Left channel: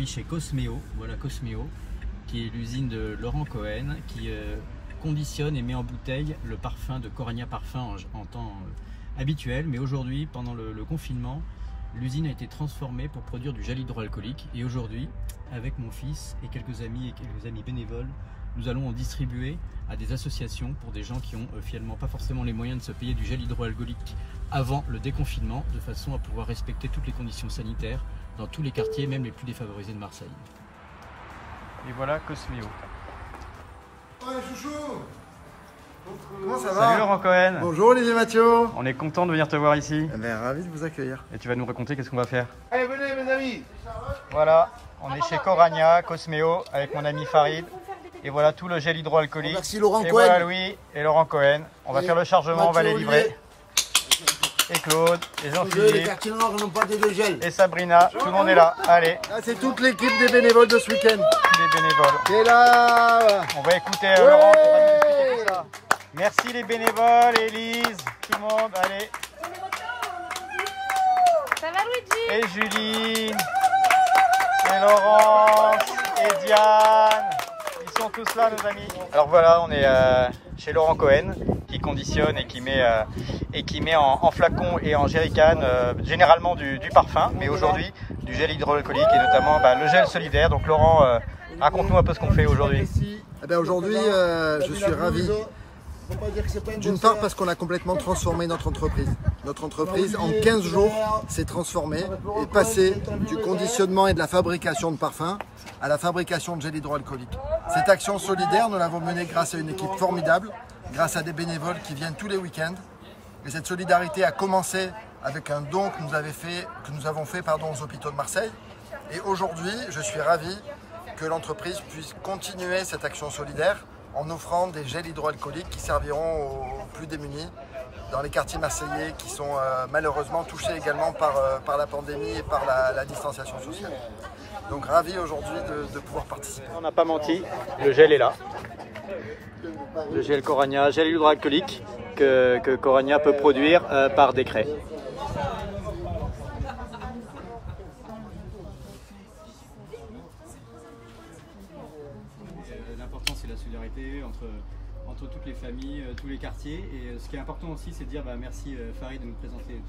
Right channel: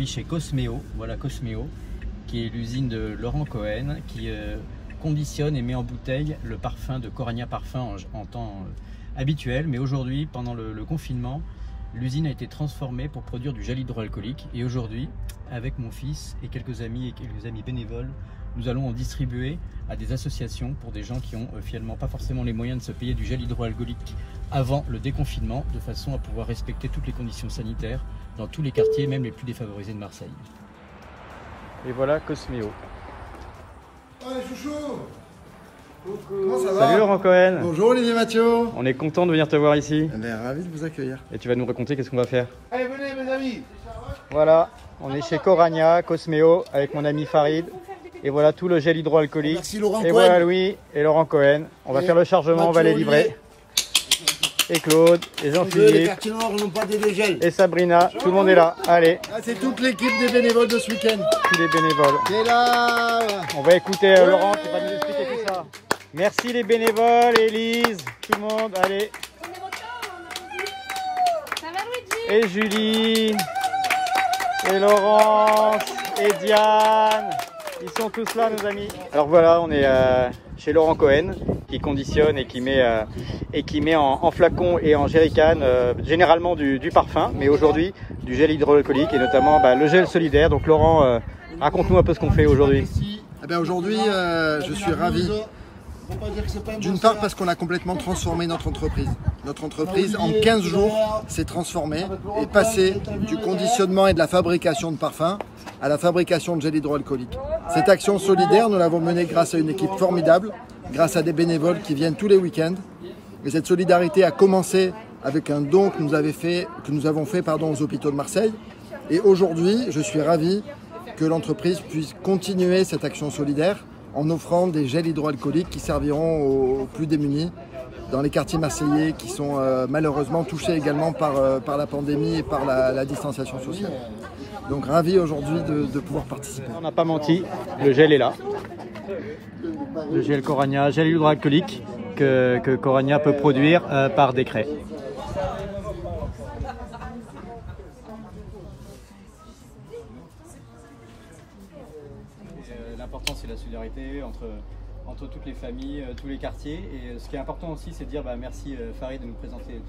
aujourd'hui chez Cosmeo, voilà Cosmeo, qui est l'usine de Laurent Cohen, qui conditionne et met en bouteille le parfum de Coragna Parfum en temps habituel. Mais aujourd'hui, pendant le confinement, l'usine a été transformée pour produire du gel hydroalcoolique. Et aujourd'hui, avec mon fils et quelques amis bénévoles, nous allons en distribuer à des associations pour des gens qui ont finalement pas forcément les moyens de se payer du gel hydroalcoolique avant le déconfinement, de façon à pouvoir respecter toutes les conditions sanitaires dans tous les quartiers, même les plus défavorisés de Marseille. Et voilà Cosmeo. Ouais, chouchou! Comment ça va? Salut Laurent Cohen. Bonjour Olivier Mathieu. On est content de venir te voir ici. Ravi de vous accueillir. Et tu vas nous raconter qu'est-ce qu'on va faire. Allez, venez mes amis. Voilà, on est chez Coragna, Cosmeo, avec mon ami Farid. Et voilà tout le gel hydroalcoolique. Merci Laurent et Cohen. Voilà Louis et Laurent Cohen. On va faire le chargement, on va les livrer. Olivier. Et Claude, et Les Jean-Philippe, quartiers noirs n'ont pas des gels. et Sabrina, tout le monde est là. Allez, Là, c'est toute l'équipe des bénévoles de ce week-end. tous les bénévoles. C'est là. On va écouter Laurent pour nous expliquer tout ça. Merci les bénévoles, Élise, tout le monde, allez. Ça va Luigi? Et Julie, et Laurent, et Diane, ils sont tous là nos amis. Alors voilà, on est chez Laurent Cohen, qui conditionne et qui met en flacon et en jerrycan généralement du parfum, mais aujourd'hui du gel hydroalcoolique et notamment le gel solidaire. Donc Laurent, raconte-nous un peu ce qu'on fait aujourd'hui. Aujourd'hui, je suis ravi. D'une part parce qu'on a complètement transformé notre entreprise. Notre entreprise en 15 jours s'est transformée et passée du conditionnement et de la fabrication de parfums à la fabrication de gel hydroalcoolique. Cette action solidaire, nous l'avons menée grâce à une équipe formidable, grâce à des bénévoles qui viennent tous les week-ends. Et cette solidarité a commencé avec un don que nous avons fait aux hôpitaux de Marseille. Et aujourd'hui, je suis ravi que l'entreprise puisse continuer cette action solidaire en offrant des gels hydroalcooliques qui serviront aux plus démunis dans les quartiers marseillais qui sont malheureusement touchés également par la pandémie et par la distanciation sociale. Donc ravi aujourd'hui de pouvoir participer. On n'a pas menti, le gel est là. Le gel Coragna, gel hydroalcoolique que Coragna peut produire par décret. L'important c'est la solidarité entre toutes les familles, tous les quartiers. Et ce qui est important aussi, c'est de dire merci Farid de nous présenter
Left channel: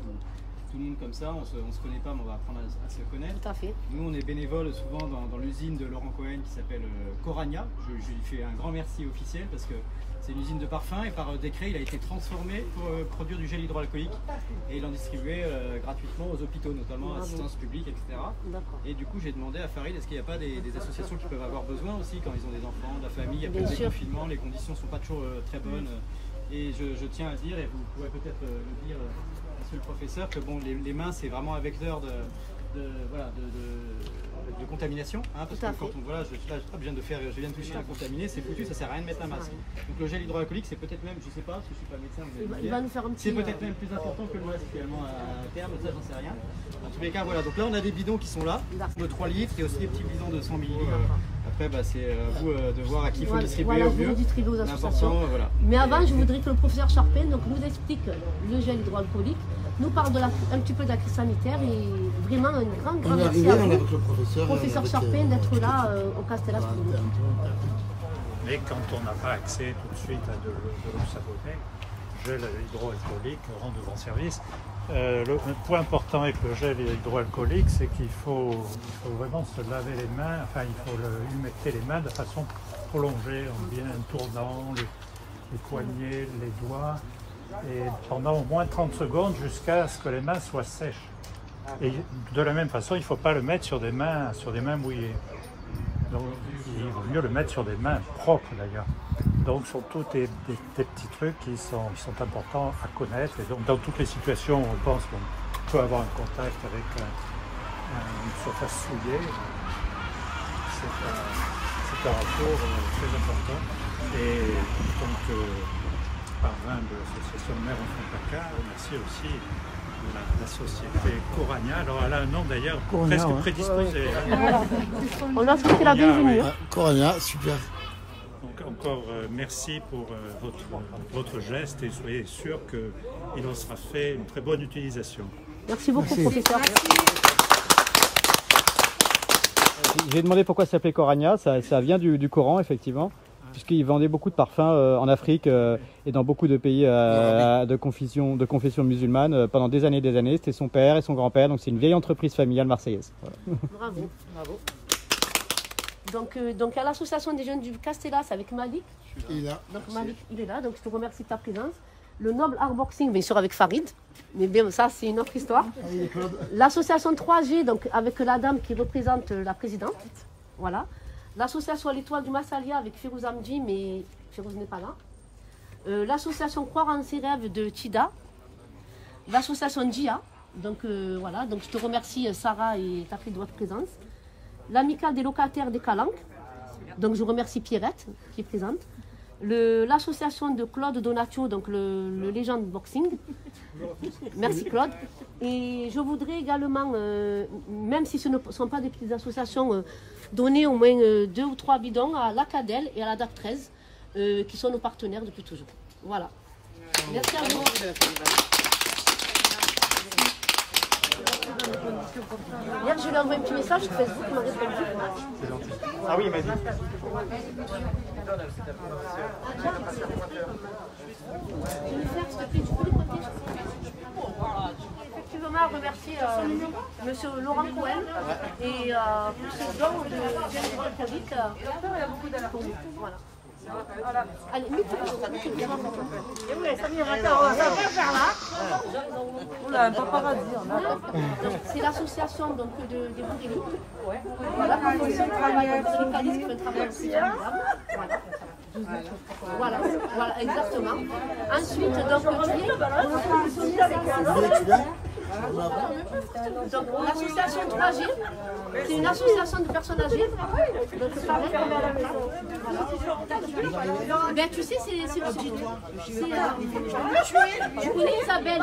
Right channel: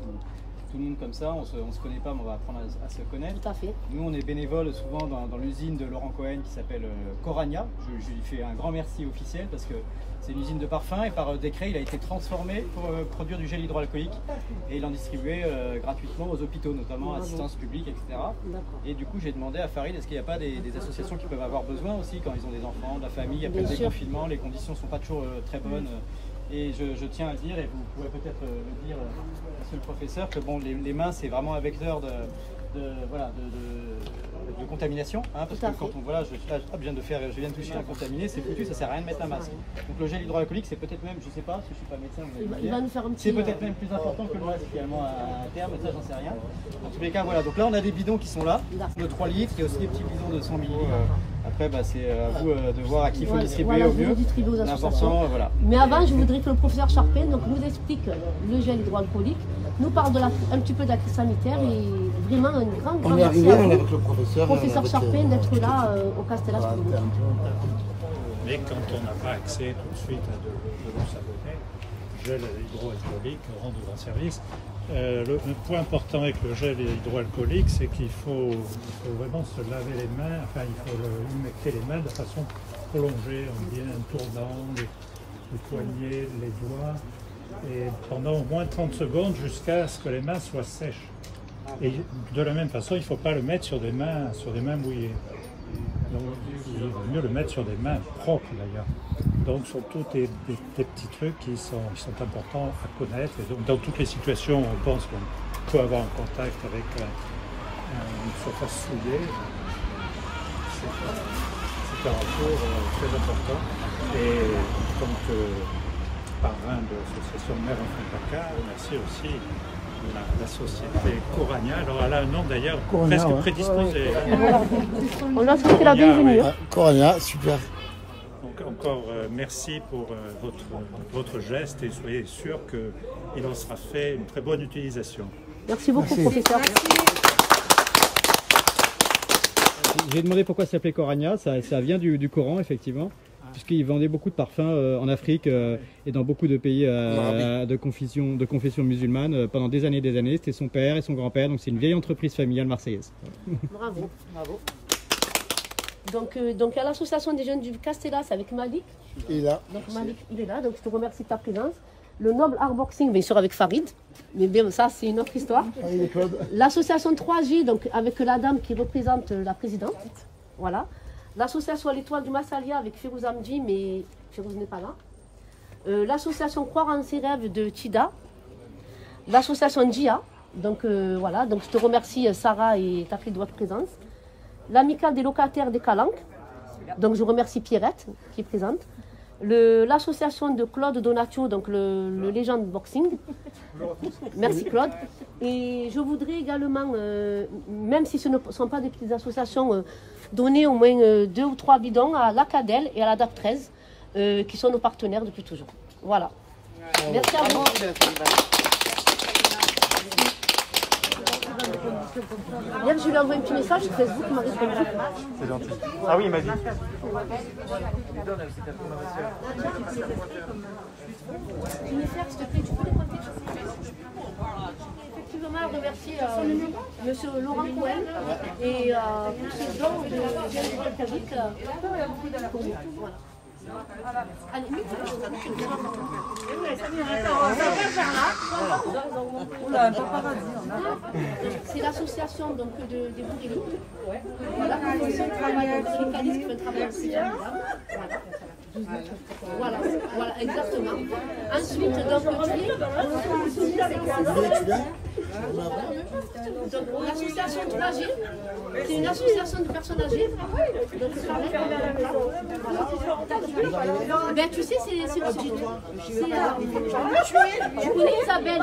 tout le monde comme ça. On se connaît pas, mais on va apprendre à se connaître. Tout à fait. Nous, on est bénévoles souvent dans l'usine de Laurent Cohen qui s'appelle Coragna. Je lui fais un grand merci officiel parce que c'est une usine de parfum et par décret, il a été transformé pour produire du gel hydroalcoolique et il en distribuait gratuitement aux hôpitaux, notamment assistance publique, etc. Et du coup, j'ai demandé à Farid, est-ce qu'il n'y a pas des associations qui peuvent avoir besoin aussi quand ils ont des enfants, de la famille, après le déconfinement, les conditions ne sont pas toujours très bonnes. Et je tiens à le dire, et vous pourrez peut-être le dire, monsieur le professeur, que bon, les mains, c'est vraiment un vecteur de contamination, parce que quand je viens de toucher un contaminé, c'est foutu, ça sert à rien de mettre un masque. Donc le gel hydroalcoolique, c'est peut-être même, je sais pas, si je suis pas médecin, il va nous faire un petit. C'est peut-être même plus important que le masque finalement à terme, ça j'en sais rien. En tous les cas, voilà. Donc là, on a des bidons qui sont là, de 3 litres, il y a aussi des petits bidons de 100 ml. Après, c'est à vous de voir à qui il faut distribuer au mieux. L'important, voilà. Mais avant, je voudrais que le professeur Charpin nous explique le gel hydroalcoolique, nous parle un petit peu de la crise sanitaire et vraiment un grand merci à vous, professeur Charpin, d'être là au Castellas. Mais quand on n'a pas accès tout de suite à de l'eau savonnée, gel hydroalcoolique rend de grands services. Le point important avec le gel hydroalcoolique, c'est qu'il faut vraiment se laver les mains, enfin il faut humecter les mains de façon prolongée, en bien tournant les poignets, les doigts, et pendant au moins 30 secondes jusqu'à ce que les mains soient sèches. Et de la même façon, il ne faut pas le mettre sur des mains mouillées. Donc, il vaut mieux le mettre sur des mains propres d'ailleurs. Donc ce sont tous des petits trucs qui sont importants à connaître. Et donc dans toutes les situations où on pense qu'on peut avoir un contact avec une surface souillée, c'est un retour très important. Et donc parrain de l'association Mère Enfant Placard, merci aussi de la société Coragna. Alors elle a un nom d'ailleurs presque prédisposé. On a souhaité la bienvenue. Coragna, super. Donc encore merci pour votre geste et soyez sûr qu'il en sera fait une très bonne utilisation. Merci beaucoup, professeur. Merci. J'ai demandé pourquoi ça s'appelait Coragna, ça vient du Coran effectivement, puisqu'ils vendaient beaucoup de parfums en Afrique et dans beaucoup de pays de confession musulmane pendant des années. C'était son père et son grand-père, donc c'est une vieille entreprise familiale marseillaise. Voilà. Bravo, bravo. Donc à l'association des jeunes du Castellas avec Malik. Il est là. Donc Malik, il est là, donc je te remercie de ta présence. Le Noble Art Boxing, bien sûr avec Farid, mais bien ça c'est une autre histoire. L'association 3G, donc avec la dame qui représente la présidente. Voilà. L'association L'Étoile du Massalia avec Firouz Amdi, mais Firouz n'est pas là. L'association Croire en ses rêves de Tida. L'association Dia. Donc voilà, donc je te remercie Sarah et ta fille de votre présence. L'amicale des locataires des Calanques. Donc je remercie Pierrette qui est présente. L'association de Claude Donatio, donc le Légende Boxing. Merci Claude. Et je voudrais également, même si ce ne sont pas des petites associations, donner au moins 2 ou 3 bidons à l'Acadel et à la DAP 13, qui sont nos partenaires depuis toujours. Voilà. Merci à vous. Hier, je lui ai envoyé un petit message sur Facebook, il m'a répondu. C'est gentil. Ah oui, il m'a dit. Effectivement, je remercie monsieur Laurent Cohen et pour ce don de Cavic. Voilà. Allez, c'est l'association donc des bourgeois. Voilà, qui font un travail syndicaliste, qui fait un travail aussi formidable. Voilà. Voilà, exactement. Ensuite, donc l'association 3G, c'est une association de personnes âgées. Donc pareil. Ben, tu sais, c'est je connais Isabelle.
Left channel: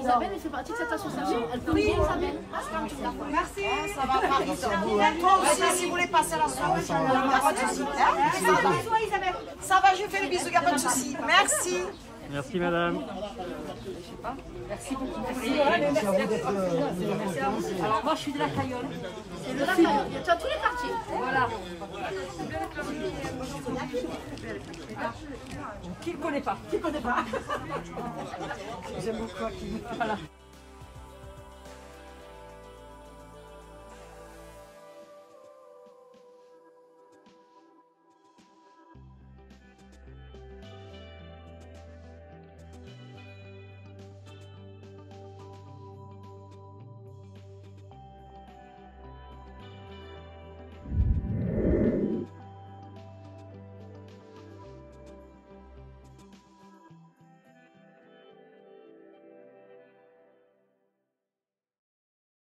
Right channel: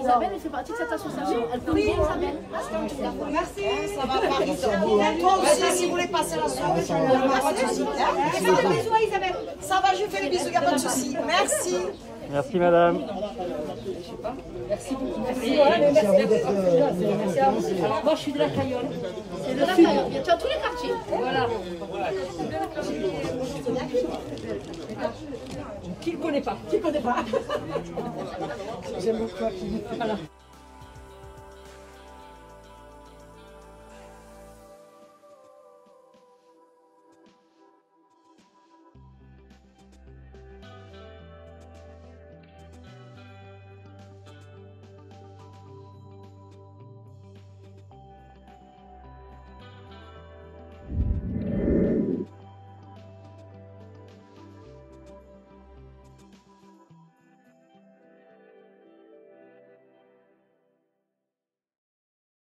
Isabelle, elle fait partie de cette association. Elle connaît bien Isabelle. Merci. Ça va, Paris. Toi aussi, si vous voulez passer la soirée, je ne vais pas de soucis. Isabelle. Ça va, je fais le bisou, il n'y a pas de soucis. Merci. Merci madame. Merci beaucoup. Merci à vous. Alors moi je suis de la Cayolle. C'est de la Cayolle. Il y a dans tous les quartiers. Voilà. Qui ne connaît pas? J'aime beaucoup. Voilà.